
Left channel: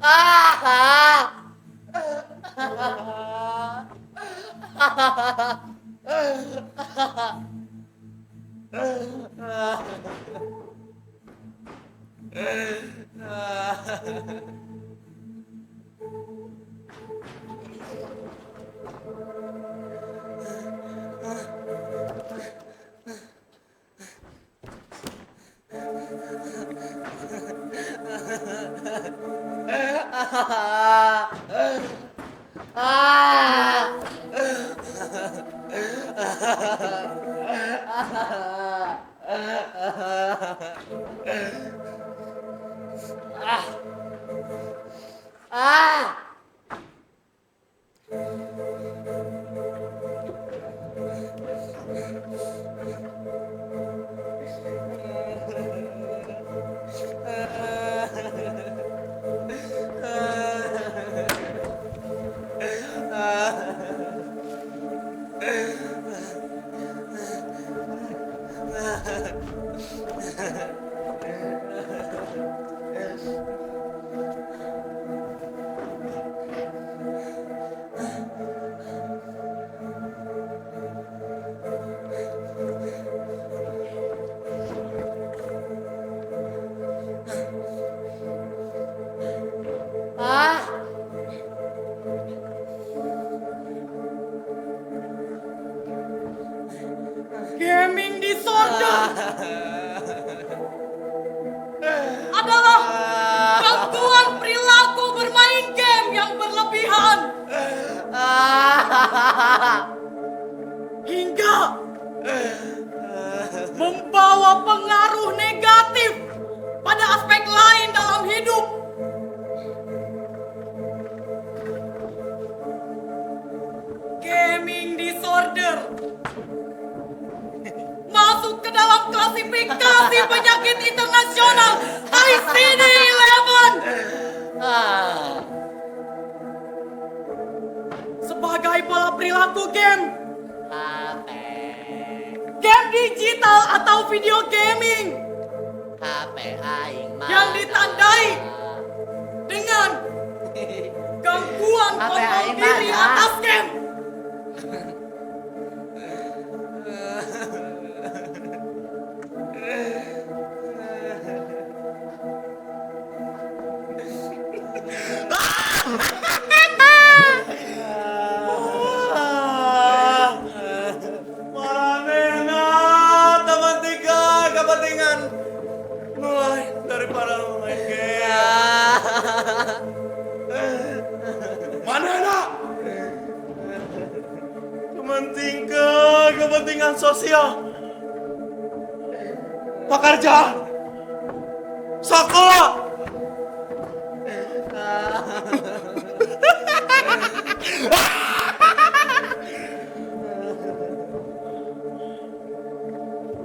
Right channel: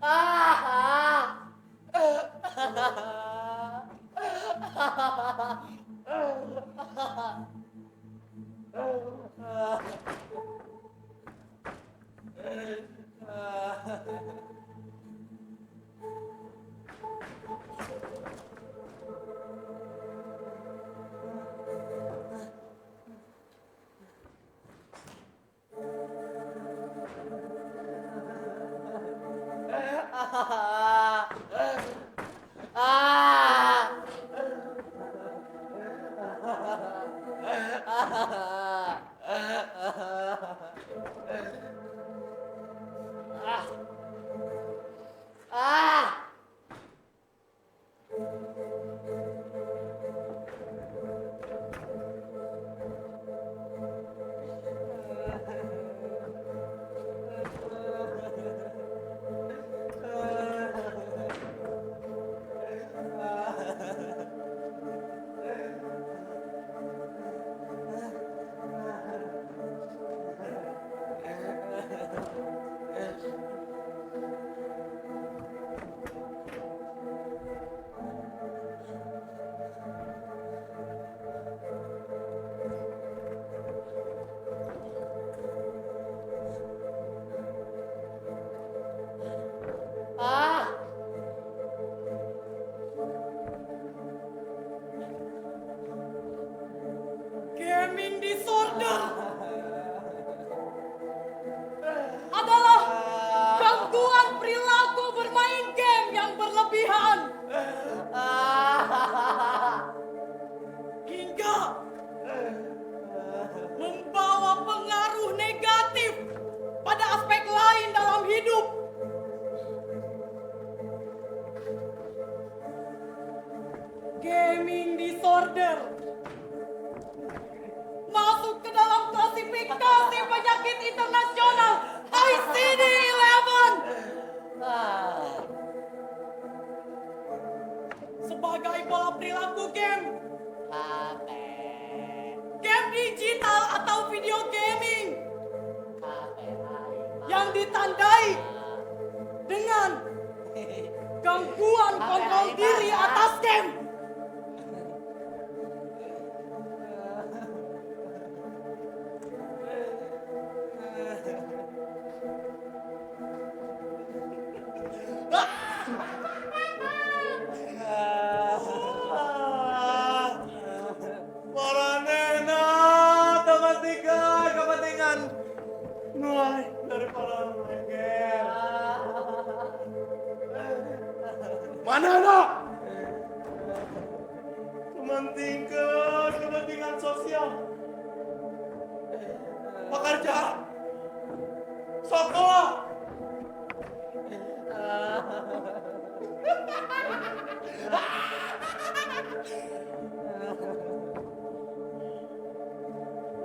Ah! Ah! Ah! klasifikasi penyakit internasional ICD-11. Ah, Sebagai pola perilaku game, HP, game digital atau video gaming HP aing mah. yang ditandai dengan gangguan Apa kontrol yang diri mana? atas game. Maranena, teman tiga, kepentingan mulai daripada lu main game. Manena, teman tiga, kepentingan sosial, pekerjaan, sekolah.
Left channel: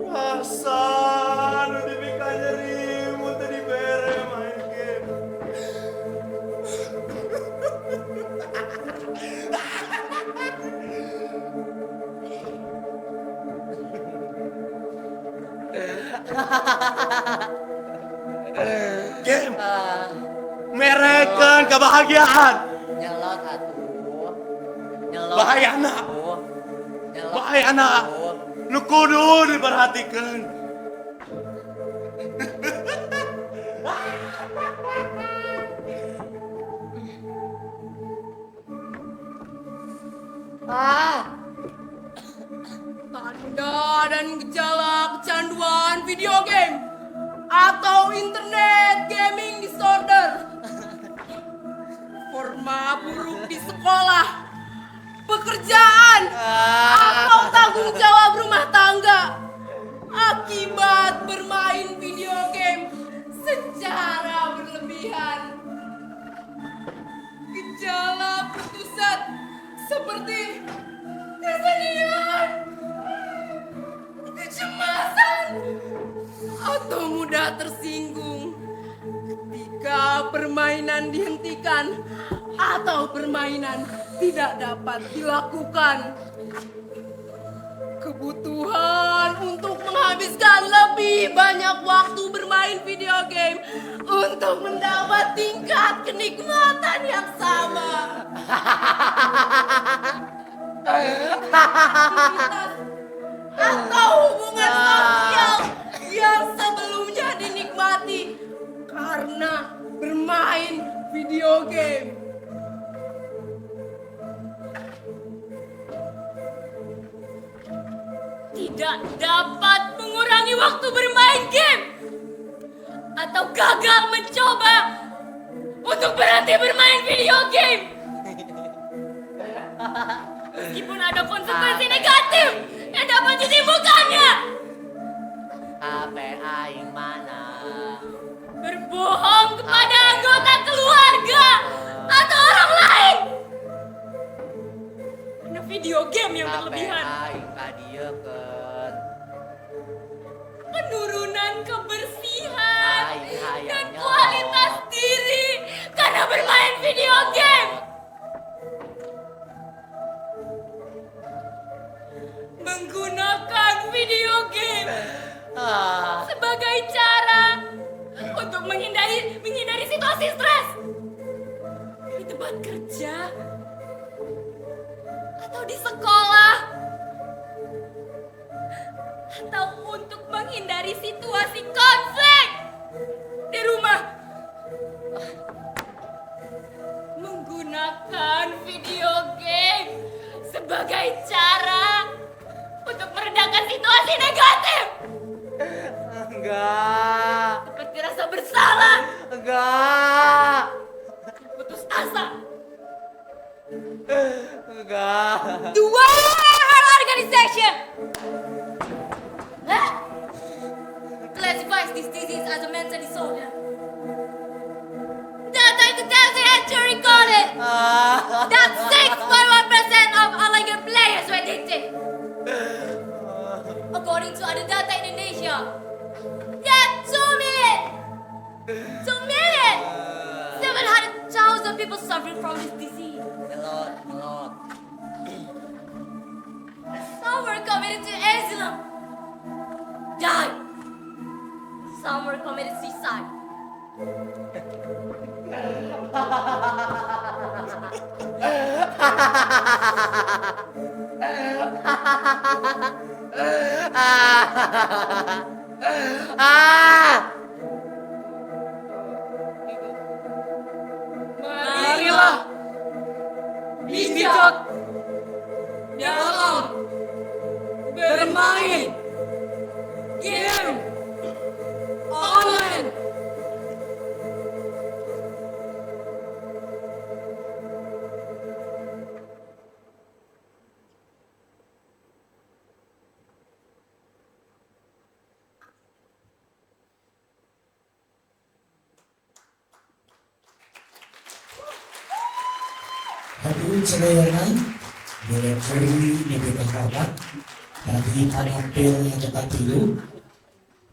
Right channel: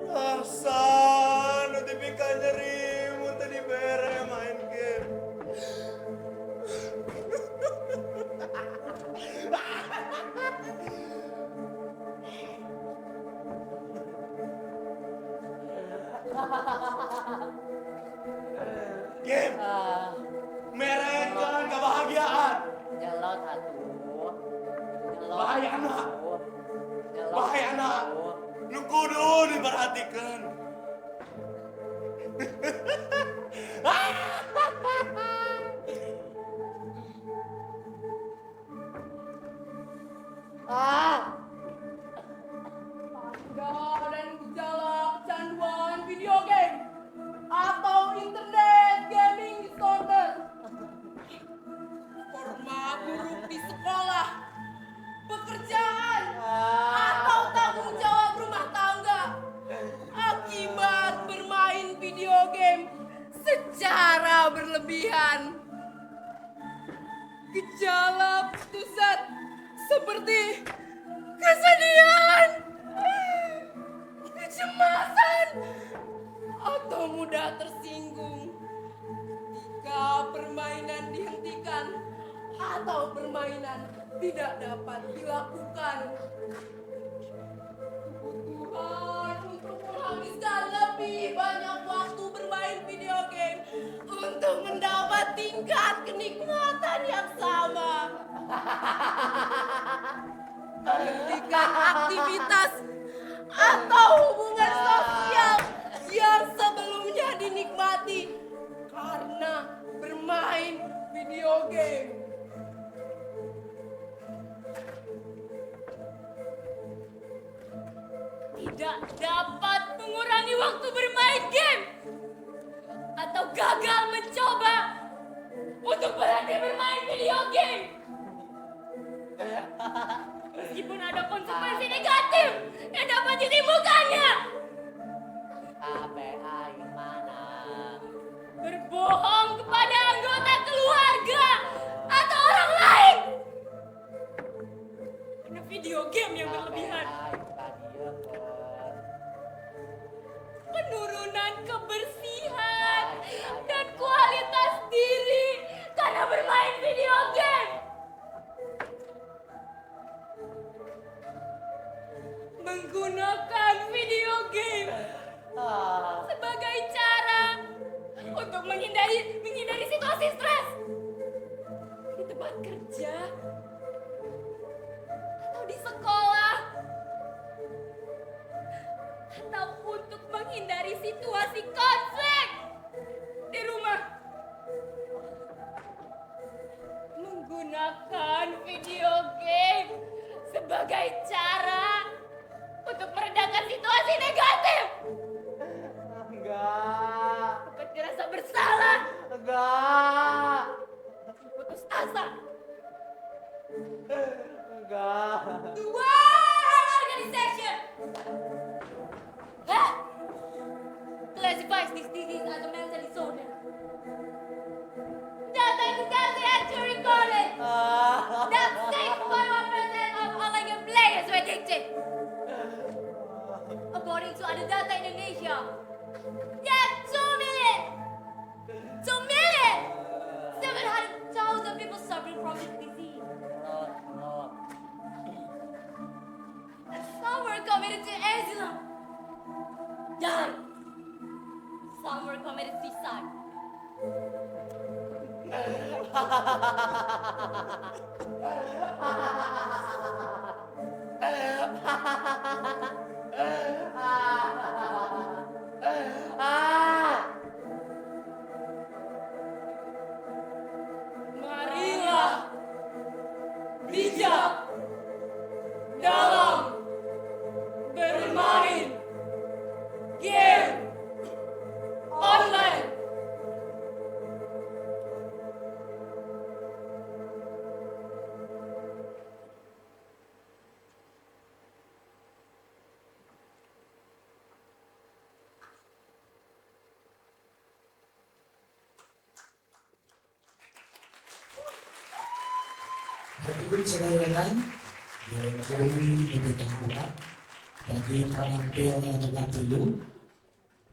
Rasa notifikasinya rimu tadi bere main game. Game merekan kebahagiaan. Nyelot atuh. Nyelot. Bahayana. atuh. Nyelot Bahayana. atuh. Nu kudu diperhatikan. Tanda dan gejala kecanduan video game atau internet gaming disorder, forma buruk di sekolah, pekerjaan, atau tanggung jawab rumah tangga akibat bermain video game secara berlebihan. Gejala putusat seperti kesedihan, kecemasan, atau mudah tersinggung ketika permainan dihentikan atau permainan tidak dapat dilakukan. Kebutuhan untuk menghabiskan lebih banyak waktu bermain video game untuk mendapat tingkat kenikmatan yang sama. Aktivitas atau hubungan sosial yang sebelumnya dinikmati karena bermain video game. Tidak dapat mengurangi waktu bermain game atau gagal mencoba untuk berhenti bermain video game. Meskipun ada konsekuensi negatif yang dapat ditimbulkannya. HP aing mana? Berbohong kepada anggota keluarga atau orang lain. Karena video game yang HP berlebihan. aing kadiekeun. Penurunan kebersihan Hai, dan hai, kualitas hai. diri karena bermain video game. Menggunakan video game Ah, sebagai cara untuk menghindari situasi stres di tempat kerja atau di sekolah atau untuk menghindari situasi konflik di rumah. Menggunakan video game sebagai cara untuk meredakan situasi negatif enggak. seperti rasa bersalah, Enggak. putus asa. Enggak. The World Health Organization classifies this disease as a mental disorder. Data in 2008 recorded that 6.1% of online game players were addicted. According to other data in Indonesia, from this disease. Melot. Some were committed to Islam. Died. Some were committed suicide. Marilah bijak dalam bermain game online. Hadirin sekalian, boleh kembali di hormat dari panampil yang katilu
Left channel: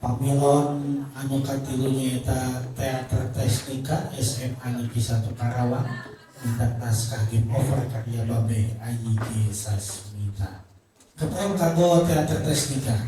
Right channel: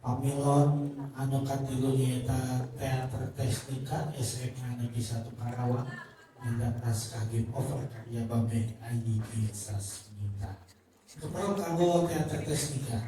pamilon anu katilu nyaeta Teater Teknika SMA Negeri 1 Karawang mendak naskah game over karya Babe Ayi Sasmita. Keprong kanggo Teater Teknika